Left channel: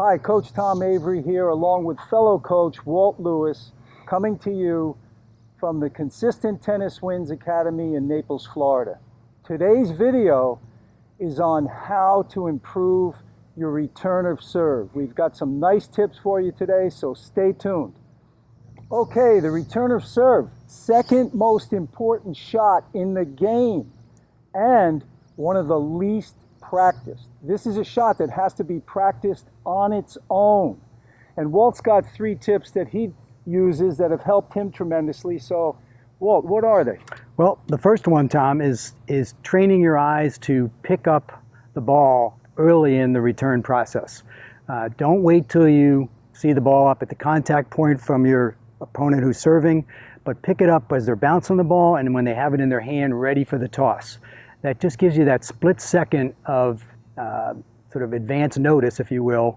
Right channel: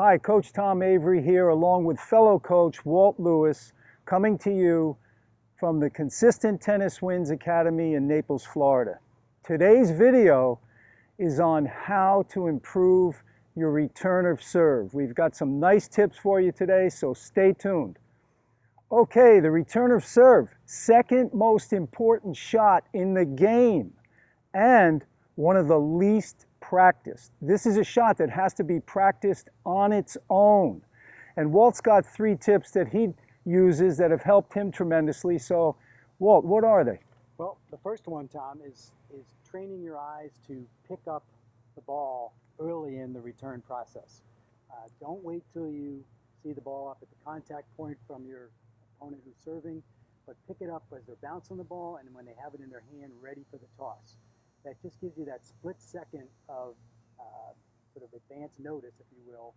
Hi, Coach Tom Avery here, along with fellow coach Walt Lewis, coming to you from the Consistent Tennis Wins Academy in Naples, Florida. Today's video is on how to improve your return of serve. We've got some nice tips for you today, so stay tuned. Okay, the return of serve, second most important shot in the game and one of the least practiced. This is a shot that has to be practiced on its own. And Walt's got 3 tips that he uses that have helped him tremendously. So, Walt, what are they? Well, the first one, Tom, is training your eyes to pick up the ball early in the return process. Don't wait till you see the ball up at the contact point from your opponent who's serving, but pick it up as they're bouncing the ball and when they have it in their hand ready for the toss. That just gives you that split second of sort of advance notice, if you will,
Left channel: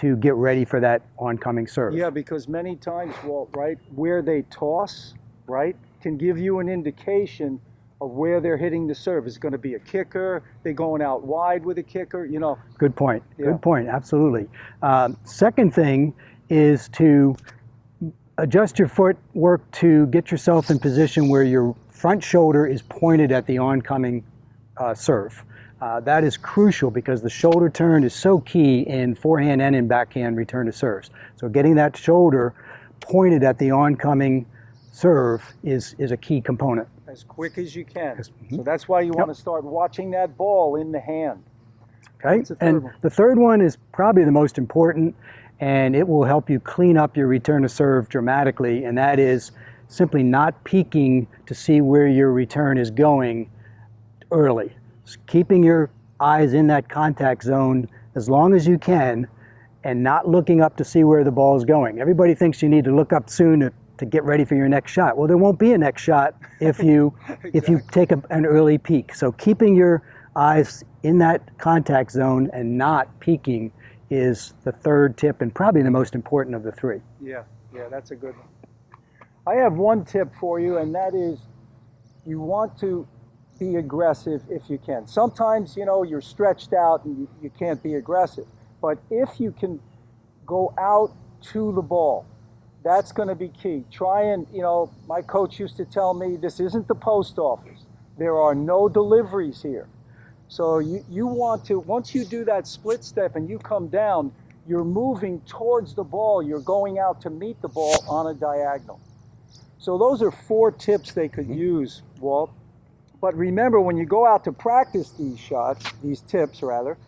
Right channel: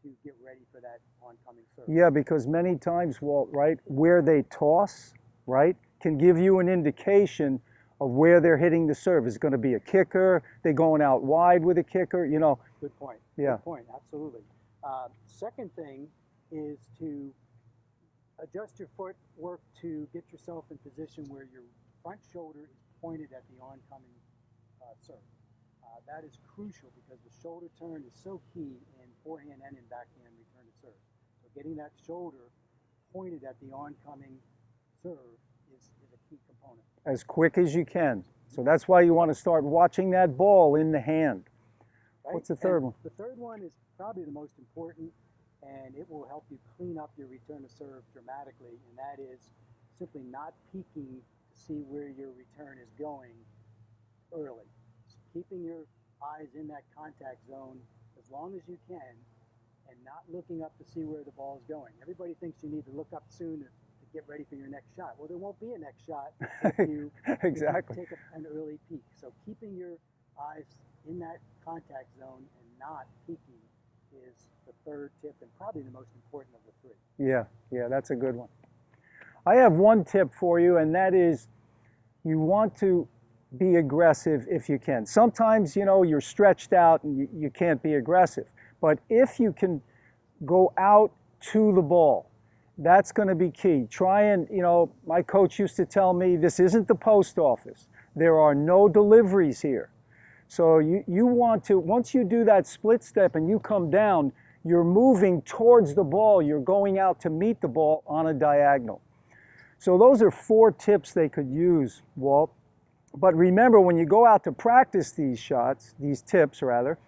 to get ready for that oncoming serve. Yeah, because many times, Walt, right, where they toss, right, can give you an indication of where they're hitting the serve. Is it going to be a kicker? They're going out wide with a kicker, you know. Good point. Yeah. Good point. Absolutely. Second thing is to adjust your footwork to get yourself in position where your front shoulder is pointed at the oncoming serve. That is crucial because the shoulder turn is so key in forehand and in backhand return to serves. So getting that shoulder pointed at the oncoming serve is a key component. As quick as you can. So that's why you want to start watching that ball in the hand. Okay. What's the third one? The third one is probably the most important, and it will help you clean up your return to serve dramatically, and that is simply not peeking to see where your return is going early. Just keeping your eyes in that contact zone as long as you can and not looking up to see where the ball is going. Everybody thinks you need to look up soon to get ready for your next shot. Well, there won't be a next shot if you Exactly. if you take an early peek. So keeping your eyes in that contact zone and not peeking is the third tip and probably the most important of the 3. Yeah, that's a good one. I have one tip for you, and that is you want to be aggressive if you can. Sometimes, you know, you're stretched out and you can't be aggressive. But if you can go out to the ball, that's going to be key. Try and, you know, my coach used to tell me this isn't the post office. There are no deliveries here. So you want to, once you do that split step and you come down, you're moving towards the ball. You're going out to meet the ball on a diagonal. So those are 4 tips they could use, Walt. But remember, when you go out to practice these shots, these tips rather,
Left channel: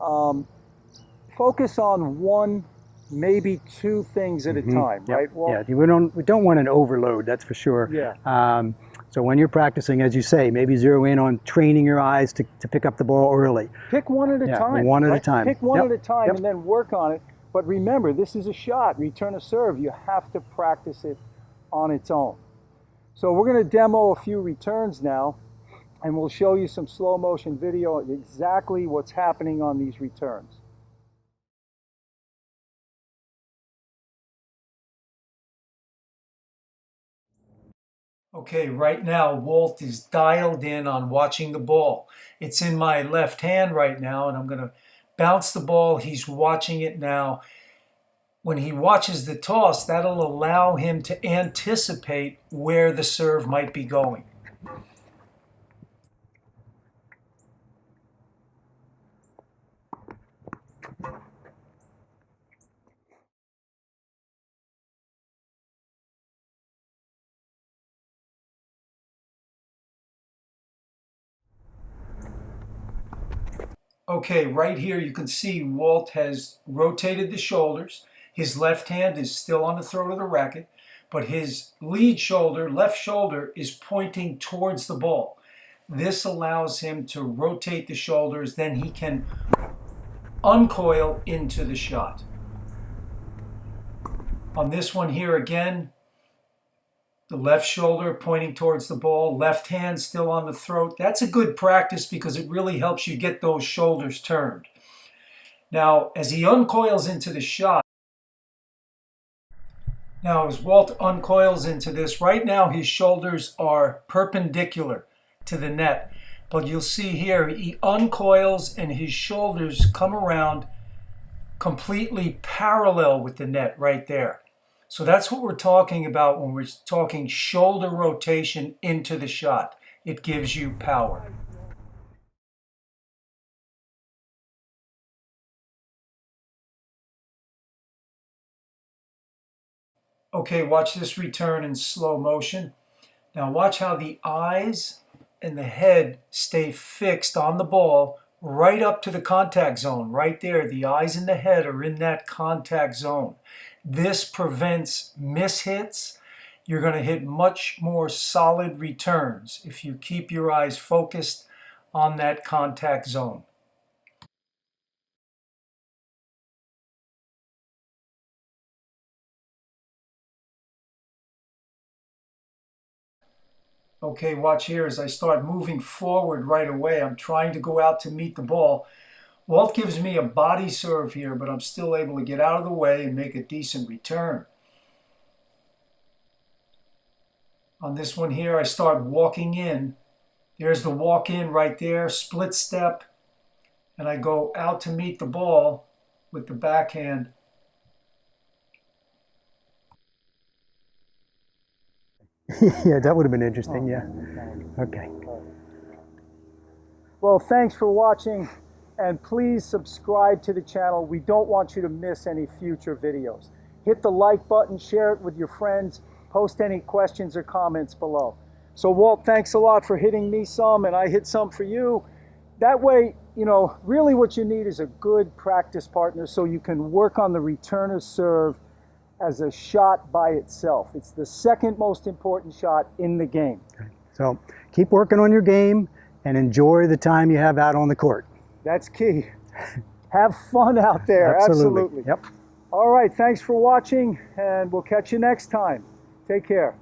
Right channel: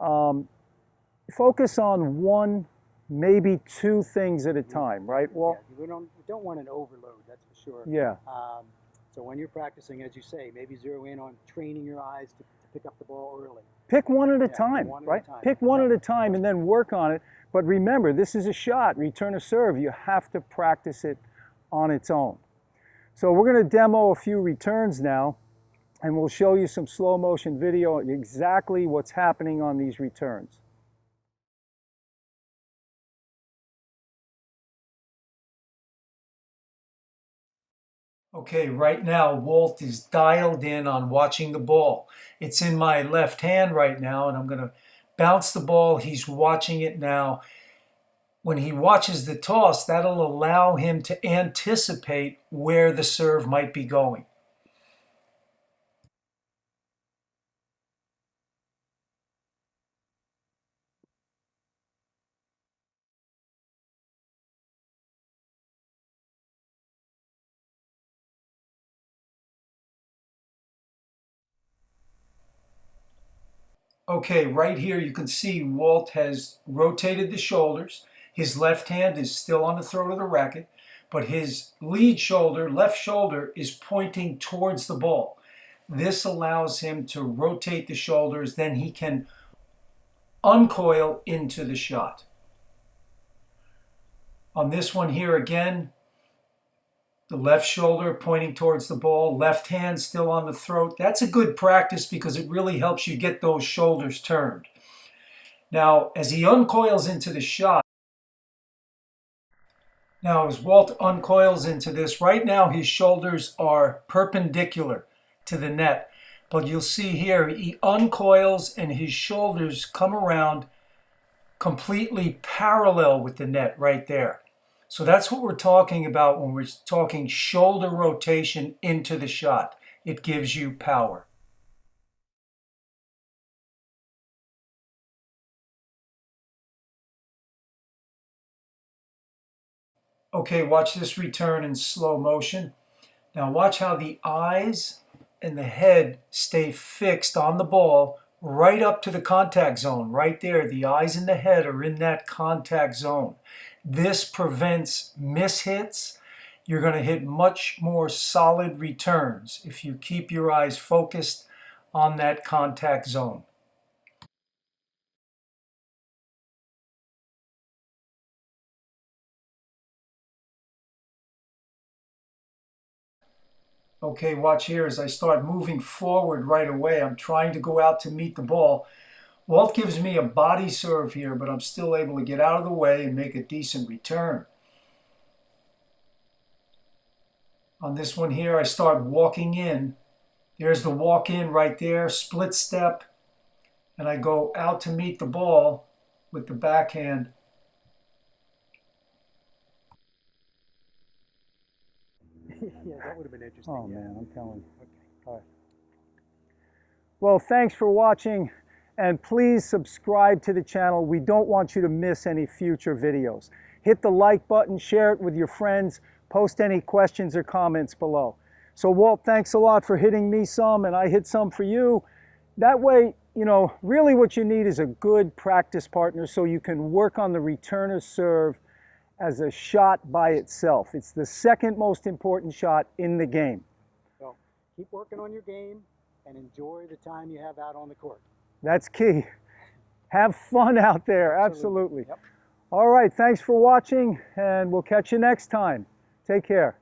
focus on 1, maybe 2 things at a time, right, Walt? Yeah, we don't want an overload, that's for sure. Yeah. So when you're practicing, as you say, maybe zero in on training your eyes to pick up the ball early. Pick one at a time. One at right? a time. Pick one at a time and then work on it. But remember, this is a shot, return a serve. You have to practice it on its own. So we're going to demo a few returns now, and we'll show you some slow motion video of exactly what's happening on these returns. Okay, right now Walt is dialed in on watching the ball. It's in my left hand right now, and I'm going to bounce the ball. He's watching it now. When he watches the toss, that'll allow him to anticipate where the serve might be going. Okay, right here you can see Walt has rotated the shoulders. His left hand is still on the throat of the racket, but his lead shoulder, left shoulder, is pointing towards the ball. This allows him to rotate the shoulders, then he can uncoil into the shot. On this one here again, the left shoulder pointing towards the ball, left hand still on the throat. That's a good practice because it really helps you get those shoulders turned. Now, as he uncoils into the shot, now as Walt uncoils into this, right now his shoulders are perpendicular to the net. But you'll see here, he uncoils and his shoulders come around completely parallel with the net right there. So that's what we're talking about when we're talking shoulder rotation into the shot. It gives you power. Okay, watch this return in slow motion. Now watch how the eyes and the head stay fixed on the ball right up to the contact zone. Right there, the eyes and the head are in that contact zone. This prevents mishits. You're going to hit much more solid returns if you keep your eyes focused on that contact zone. Okay, watch here as I start moving forward right away. I'm trying to go out to meet the ball. Walt gives me a body serve here, but I'm still able to get out of the way and make a decent return. On this one here, I start walking in. There's the walk in right there, split step, and I go out to meet the ball with the backhand. Yeah, that would have been interesting, yeah. Okay. Well, thanks for watching, and please subscribe to the channel. We don't want you to miss any future videos. Hit the like button, share it with your friends, post any questions or comments below. So Walt, thanks a lot for hitting me some, and I hit some for you. That way, you know, really what you need is a good practice partner so you can work on the returner serve as a shot by itself. It's the second most important shot in the game. Okay. So keep working on your game and enjoy the time you have out on the court. That's key. Have fun out there. Absolutely. Yep. All right, thanks for watching, and we'll catch you next time. Take care.